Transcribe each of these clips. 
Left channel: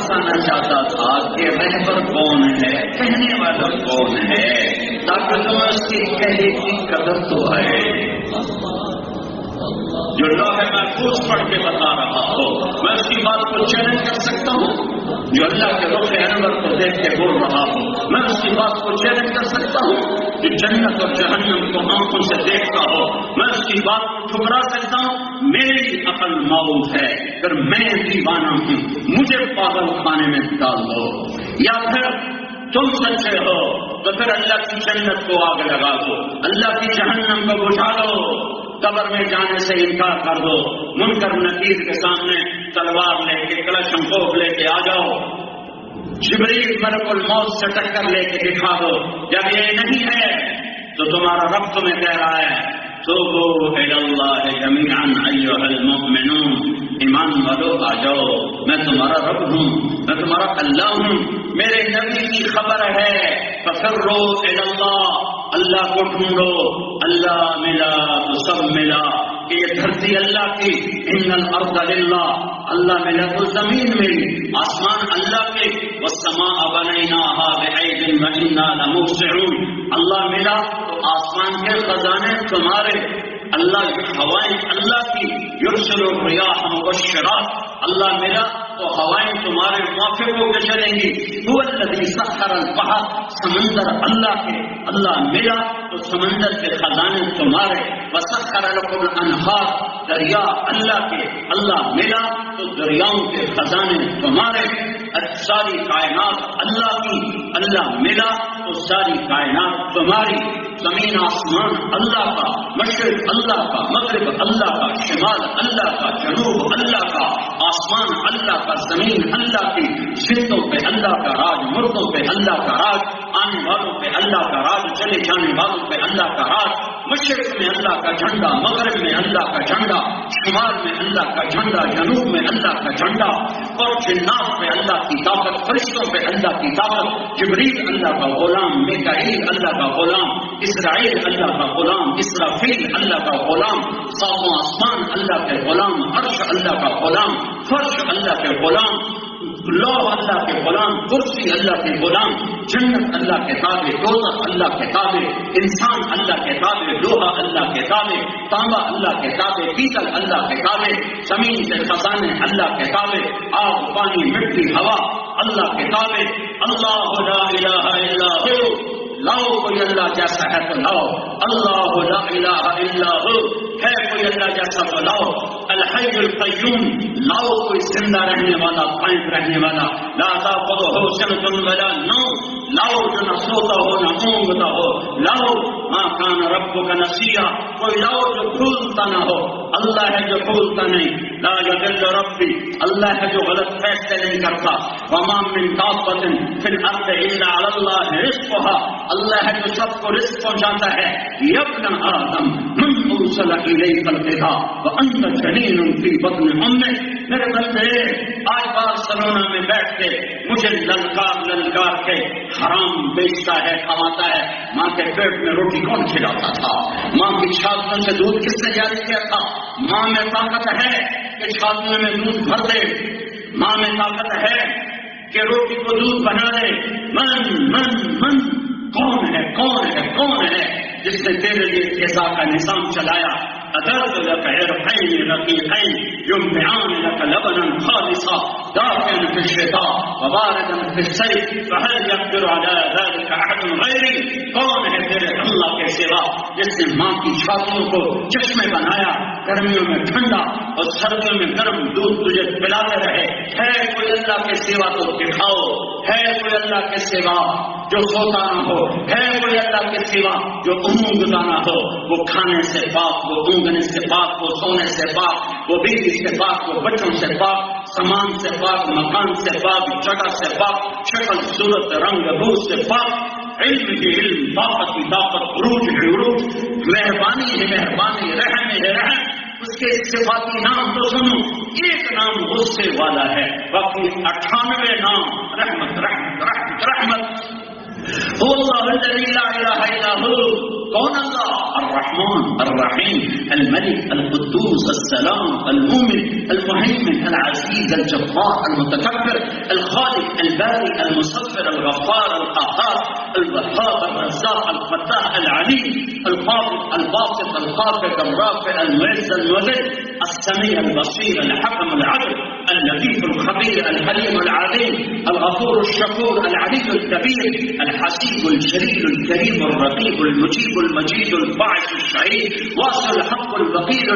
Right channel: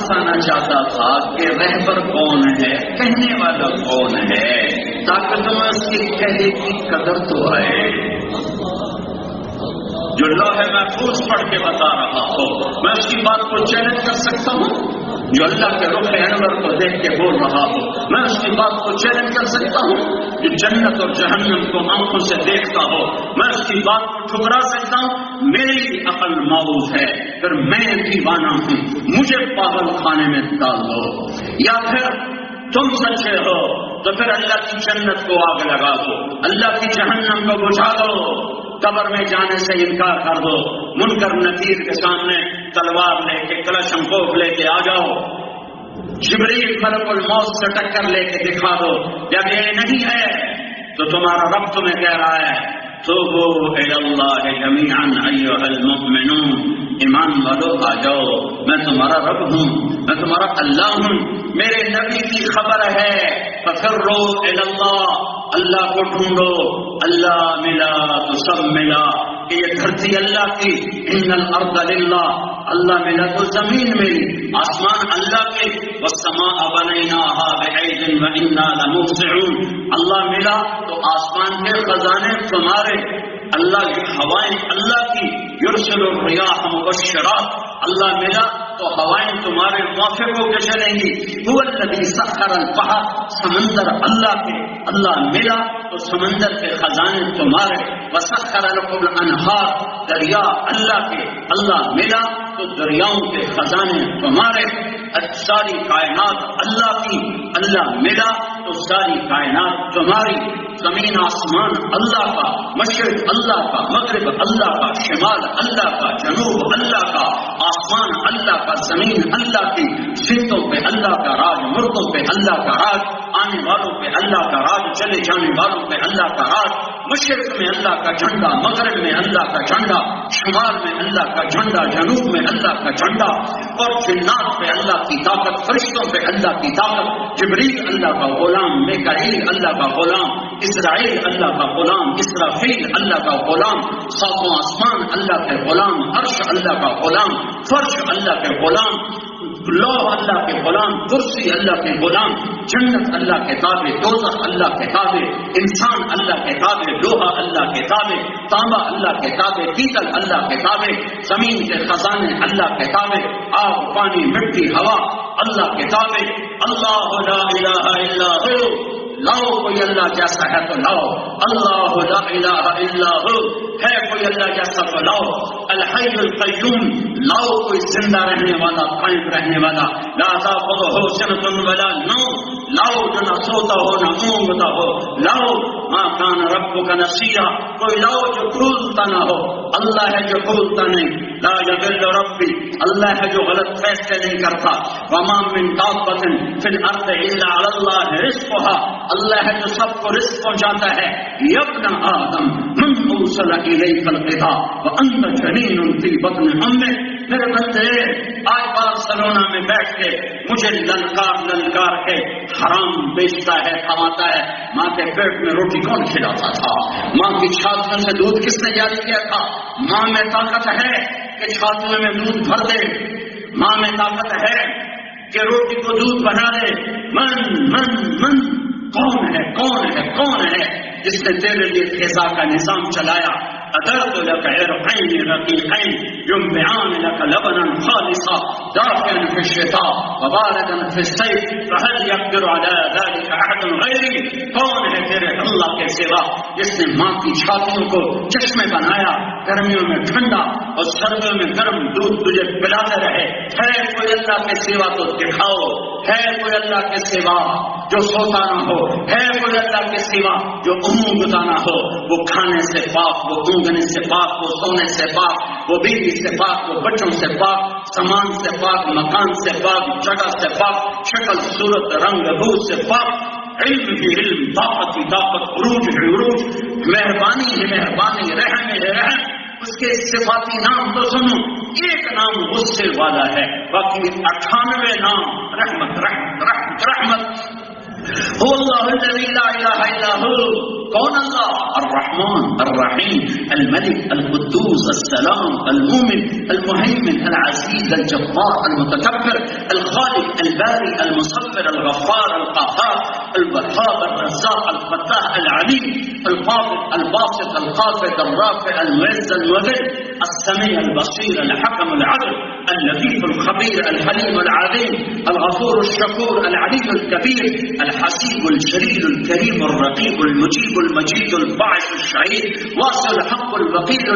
پھنسانا چاہتا تھا کہ رہبر کون ہے، کہنے والا کون ہے، تاکہ تمہیں اس کی کہنے کی قدر تو آئے۔ جو لوح محفوظ پڑھ کے بتا رہا ہو، میں اس کی بات کو چیلنج کر سکتا ہوں۔ جو اللہ کے رخ انور کو دیکھ کے بول رہا ہو، میں اس کی بات کو چیلنج کر سکتا ہوں۔ جو جنت اور جہنم کو آنکھوں سے دیکھتا ہو، میں اس کی بات کو ٹھکرا سکتا ہوں۔ میری عقل معوض ہے، پھر میں دیوانہ ہوں، مجھے پاگل خانے میں ڈال دو۔ یا پھر تم سچے ہو تو پھر اللہ کی جنت کو آگ لگا دو، اللہ کی جہنم کو بجھا دو، قبر میں جانے سے انکار کر دو، منکر نکیر کے سامنے تلوار لے کے کلشم کوف لے کے آ جاؤ، جبریل ملک الموت سے ٹکر لے کے دکھا دو۔ جب یہ نہیں ہے تو تمہارا رب تمہیں کہہ رہا ہے توبوا الی اللہ جمیعا ایھا المؤمنون، ایمان والو آ جاؤ، میں تمہارا رب ہوں، میں تمہارا اللہ ہوں۔ میرے نبی کی خبر ہے ففروا الی اللہ، اللہ کو ڈھونڈو، اللہ ملا تو سب ملا، کہ یہ دھرتی اللہ کی، ان الارض للہ، اللہ ملا تو زمین ملی، آسمان اللہ کے، والسماء بنیناها بعید وانا لموسعون، اللہ ملا تو آسمان کے خزانے تمہارے، اللہ کی ہوائیں اللہ کی، یرسل الریاح مبشرات، اللہ ملا تو ہوائیں تمہارے موافق ہو کے چلیں گی۔ هو الذی سخر البحر، سمندر اللہ کے، اللہ ملا تو سمندر کے خزانے تمہارے، وسخر لکم الانہار، دریا اللہ کے، اللہ ملا تو دریاؤں کے خزانے تمہارے، ساری کائنات اللہ کی، اللہ ملا تو ساری کائنات تمہاری، زمین آسمان اللہ کا، مشرق اللہ کا، مغرب اللہ کا، شمال اللہ کا، جنوب اللہ کا، آسمان اللہ کا، زمین اللہ کی، زندوں پہ اللہ کا راج، مردوں پہ اللہ کا راج، آنے والوں پہ اللہ کا راج، چلے جانے والوں پہ اللہ کا راج، مشرق میں اللہ کا جھنڈا، مغرب میں اللہ کا جھنڈا، شمال میں اللہ کا جھنڈا، جنوب میں اللہ کا جھنڈا، اور جنات پہ اللہ کی طاقت، فرشتوں پہ اللہ کی طاقت، جبریل اللہ کا غلام، میکائیل اللہ کا غلام، اسرائیل اللہ کا غلام، اسرافیل اللہ کا غلام، ساتوں آسمان اللہ کے غلام، عرش اللہ کا غلام، فرش اللہ کے غلام، لوح اللہ کے غلام، کرسی اللہ کے غلام، جنت اللہ کے تابع، دوزخ اللہ کے تابع، انسان اللہ کے تابع، لوہا اللہ کے تابع، تانبا اللہ کے تابع، پیتل اللہ کے تابع، زمین کے خزانے اللہ کے تابع، آگ پانی مٹی ہوا اللہ کے تابع، اللہ لا الہ الا ہو، لاؤ کوئی اللہ جیسا ہے تو لاؤ، اللہ لا الہ الا ہو، ہے کوئی اللہ جیسا تو لاؤ، الحی القیوم، لاؤ کوئی زندہ رہنے والا، قائم رہنے والا، لا تاخذہ سنۃ ولا نوم، لاؤ جو نہ سوتا ہو نہ اونگتا ہو، لاؤ ما کان ربک نسیا، کوئی لاؤ جو بھولتا نہ ہو، اللہ ہے جو بھولتا نہیں، لا یضل ربی، اللہ ہے جو غلط فیصلے نہیں کرتا، وما من دابۃ فی الارض الا علی اللہ رزقها، اللہ ہے جو سب کو رزق پہنچاتا ہے، یا ابن آدم من اوصل الیک الغذاء وانت جنین فی بطن امک، میرے بندے آج بارسلونا میں بیٹھ کے مجھے للکار کے حرام بیچتا ہے، کماتا ہے، ماں کے پیٹ میں روٹی کون کھلاتا تھا؟ ماں کی چھاتنے سے دودھ کس نے جاری کیا تھا؟ ماں میں طاقت ہے کہ چھاتنے میں دودھ بھر دے، ماں میں طاقت ہے کہ روٹی کو دودھ بنا دے، من کون ہے کون ہے کون ہے جس نے تیرے لیے غذا کا نظام چلایا؟ أدرت لك عرقين رقيقين ينبعان لك لبنا خالصا دافئا في الشتاء وباردا في الصيف فهل يقدر على ذلك أحد غيري؟ کون ہے تیرے اللہ کے سوا جس نے ماں کی چھاتیوں کو چشمے بنایا، گرمیوں میں ٹھنڈا اور سردیوں میں گرم دودھ تجھے پلاتے رہے؟ ہے کوئی اللہ کے سوا تو دکھاؤ، ہے کوئی اللہ کے سوا جو سوتا نہ ہو، ہے کوئی اللہ کے سوا جو اونگتا نہ ہو، وہ کھانے سے پاک، وہ اونگنے سے پاک، وہ سونے سے پاک، وہ بیوی سے پاک، وہ بچوں سے پاک، سامان سے پاک، مکان سے پاک، جگہ سے پاک، شکل صورت رنگ روح سے پاک، علم کی علم، طاقت کی طاقت، عروج کی عروج، مہربانی ہے مہربانی، رحم ہے رحم، اس کے صفاتی نام تو سنو، ایک نام غصے والا ہے، باقی 98 نام رحمت رحمت رحمت رحمت۔ هو اللہ الذی لا الہ الا هو، کون اللہ؟ الرحمن الرحیم الملک القدوس السلام المؤمن المهيمن العزيز الجبار المتكبر الخالق الباري المصبر الغفار القهار الوهاب الرزاق الفتاح العليم القابض الباسط الخافض الرافع المعز المذل السميع البصير الحكم العدل اللطيف الخبير الحليم العليم الغفور الشكور العلي الكبير الحسيب الجليل الكريم الرقيب المجيب المجيد الباعث الشهيد واصل الحق الوكيل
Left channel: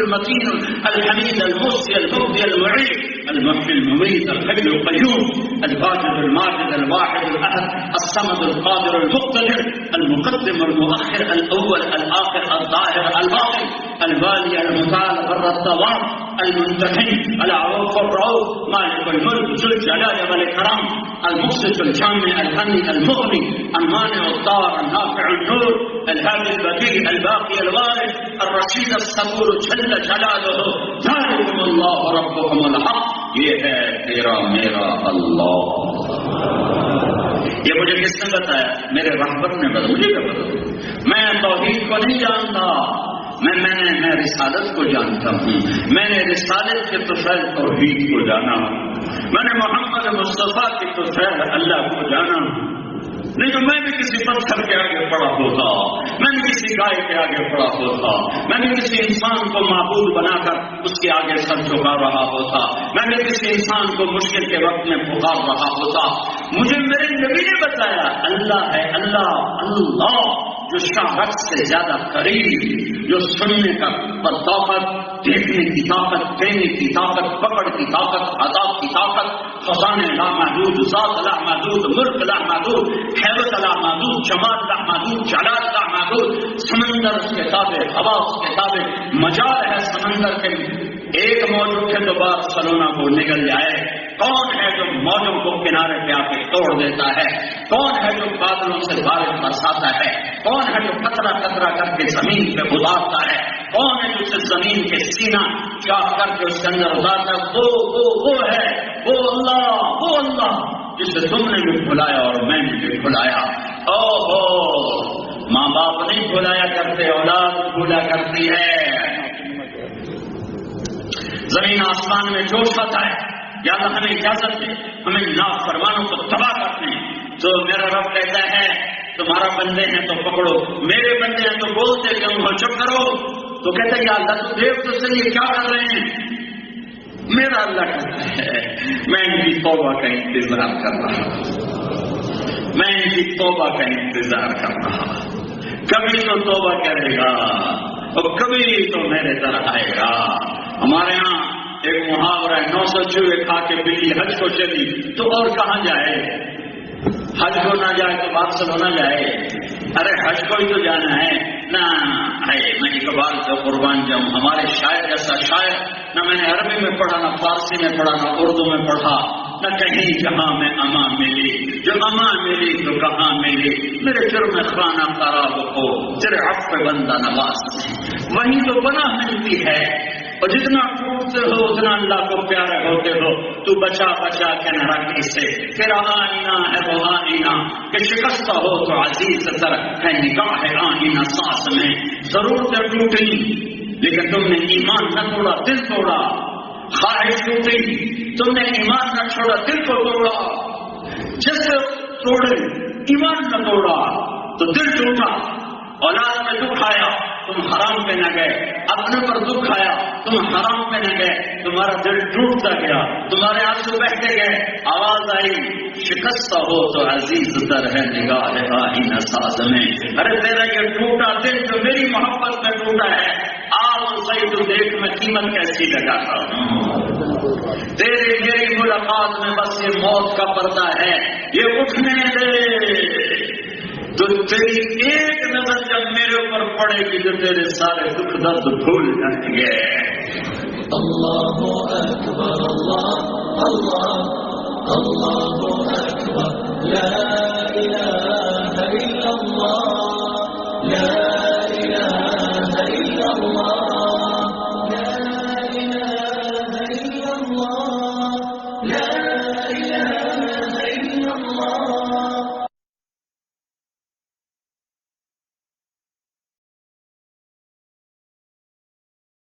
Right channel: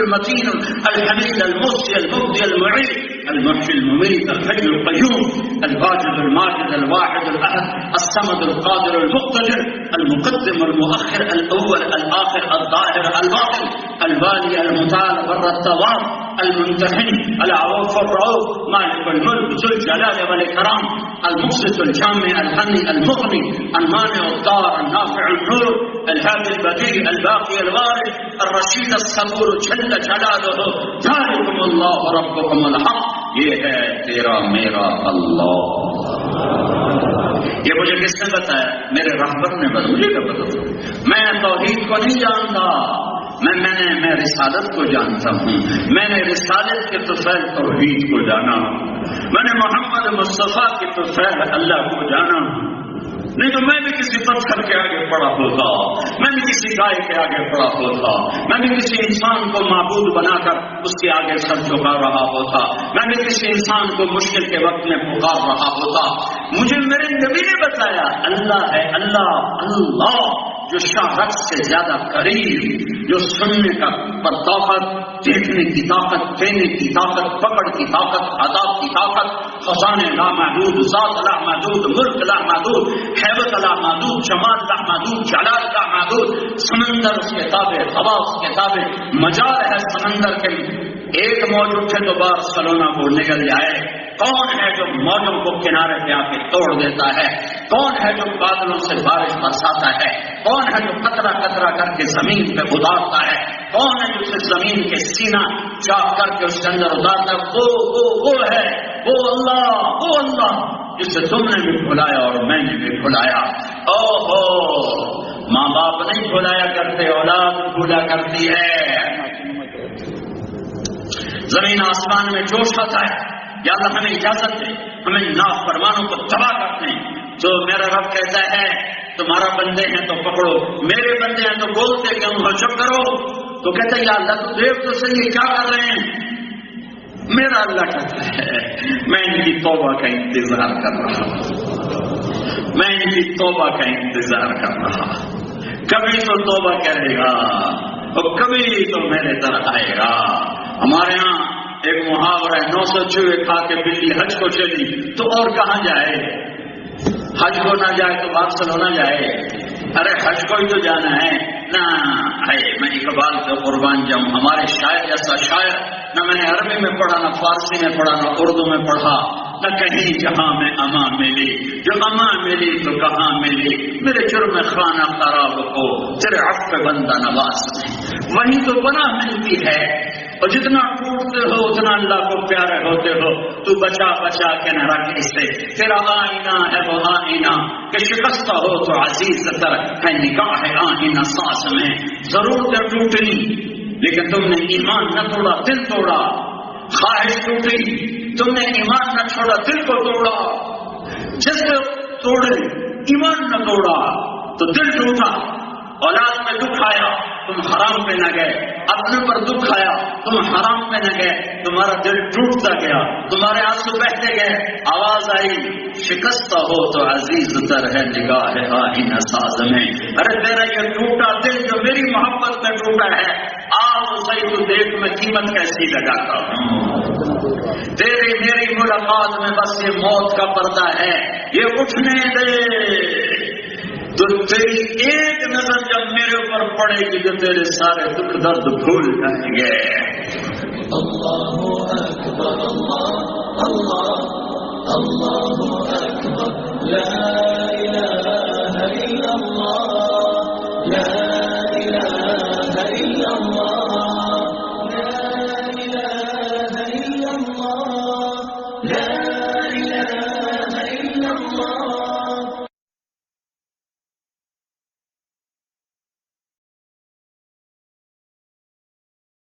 المتين الحميد المحصي المبدي المعيد المحيي المميت الحي القيوم الواجد الماجد الواحد الأحد الصمد القادر المقتدر المقدم المؤخر الأول الآخر الظاهر الباطن الوالي المتعال بر التواب المنتهي العروف الرؤوف مالك الملك ذو الجلال والإكرام المقسط الجامع الغني المغني المانع الضار النافع النور الهادي البديع الباقي الوارث الرشيد الصبور جل جلاله ذلكم الله ربكم الحق. یہ ہے تیرا میرا اللہ. یہ مجھے کس نے بتایا؟ میرے رحمت نے بتایا. مجھے کیا بتایا؟ میں توحید کو نہیں جانتا، میں رسالت کو جانتا ہوں. میں نے رسالت کے طفیل توحید کو جانا، میں نے محمد مصطفیٰ کے طفیل اللہ کو جانا. نہیں تو میں بھی کسی پتھر کے آگے پڑا ہوتا، میں بھی کسی گائے کے آگے پڑا ہوتا، میں بھی کسی انسان کو معبود بنا کر اس کے آگے سر جھکا رہا ہوتا، میں بھی کسی انسان کو مشکل کے وقت میں پکار رہا ہوتا. مجھے میرے نبی نے بتایا اللہ ہے، اللہ اللہ جو شاہد سے زیادہ قریب، جو سننے کا پر طاقت، دیکھنے کی طاقت، دینے کی طاقت، پکڑ کی طاقت، عذاب کی طاقت، خزانے لامحدود، ذات لامحدود، ملک لامحدود، حیبت لامحدود، جمال لامحدود، جلال لامحدود. سمندر اس کے تابع، ہوا اس کے تابع، مجال ہے سمندر کے. ایک موج اٹھے تو بارسلونا کو نگل جائے. کون ہے جو موجوں کو کنارے پہ آ کے توڑ دیتا ہے؟ کون ہے جو بادلوں سے بارش برساتا ہے؟ کون ہے جو قطرہ قطرہ کر کے زمین پہ اتارتا ہے؟ کون ہے جو اسے زمین کے سینہ چاک کر کے اس کے اندر اتارتا ہے؟ وہ ہے وہ اللہ جسے تم نے بھی بھلایا اور میں نے بھی بھلایا. ماں باپ نہیں بھلایا کرتے، اولاد بھولا کرتی ہے. زمین آسمان میں جوش آتا ہے، یا اللہ ہمیں اجازت دے ہمیں نافرمانوں کو تباہ کرتے ہیں. تو میرا رب کہتا ہے تمہارا بندے ہیں تو پکڑو، میرے بندے ہیں تو بولتے کیوں ہو، چپ کرو. تو کہتا ہے یا اللہ تو دیکھ تو صحیح کیا کر رہے ہیں. میرا اللہ کہتا ہے میں ان کی توبہ کا انتظار کر رہا ہوں، میں ان کی توبہ کا انتظار کر رہا ہوں. کبھی تو توبہ کرے گا اور کبھی تو میرے طرح آئے گا. ہمارے ہاں ایک محاورہ ہے، 900 چوہے کھا کے بلی حج کو چلی تو اور کہاں جائے؟ حج کو نہ جائے تو بارسلونا جائے. ارے حج کو ہی تو جانا ہے نا. میں اقبال کا قربان جاؤں، ہمارے شاعر ایسا شاعر نہ میں نے عربی میں پڑھا، نہ فارسی میں پڑھا، نہ اردو میں پڑھا، نہ کہیں جہاں میں امان ملی. جو امان ملی تو کہاں ملی؟ میرے جرم خانہ خراب ہو تیرے عفو پہ بندہ نواز میں، وہیں تو پناہ ملتی ہے. اور جتنا ٹوٹتے ہو اتنا اللہ کو پیارے ہوتے ہو. تو بچا بچا کے نہ رکھ اسے، تیرا آئینہ ہے وہ آئینہ کہ شکستہ ہو تو عزیز تر ہے نگاہ آئینہ سانس میں. ضرورتیں ٹوٹی لیکن تم نے ایمان نہ توڑا، دل توڑا. خواہش ٹوٹی، تم نے ایمان نہ چھوڑا، دل کو توڑا. جس سے توڑے ایمان نہ توڑا تو دل ٹوٹا. اولاد میں دکھ آیا تم حرام پہ نہ گئے، اپنے پر دکھ آیا تم حرام پہ نہ گئے، تمہارا دل ٹوٹتا گیا، تمہارے آنسو بہتے گئے. آواز آئی شکستہ ہو تو عزیز تر ہے نگاہ آئینہ ساز میں. ارے تیرا یہ ٹوٹا دل جو میری محبت میں ٹوٹا ہے، آؤ صحیح تو دیکھ میں قیمت کیسی لگاتا ہوں. تیری میری ملاقات میں بس یہ موت کا پردہ ہے، یہ اٹھنے دے. تو تیری ایک نظر جب میرے اوپر پڑے گی تو تیرے سارے دکھ درد بھول جائیں گے. اللہ اکبر، اللہ اللہ اللہ اکبر، لا الہ الا اللہ، لا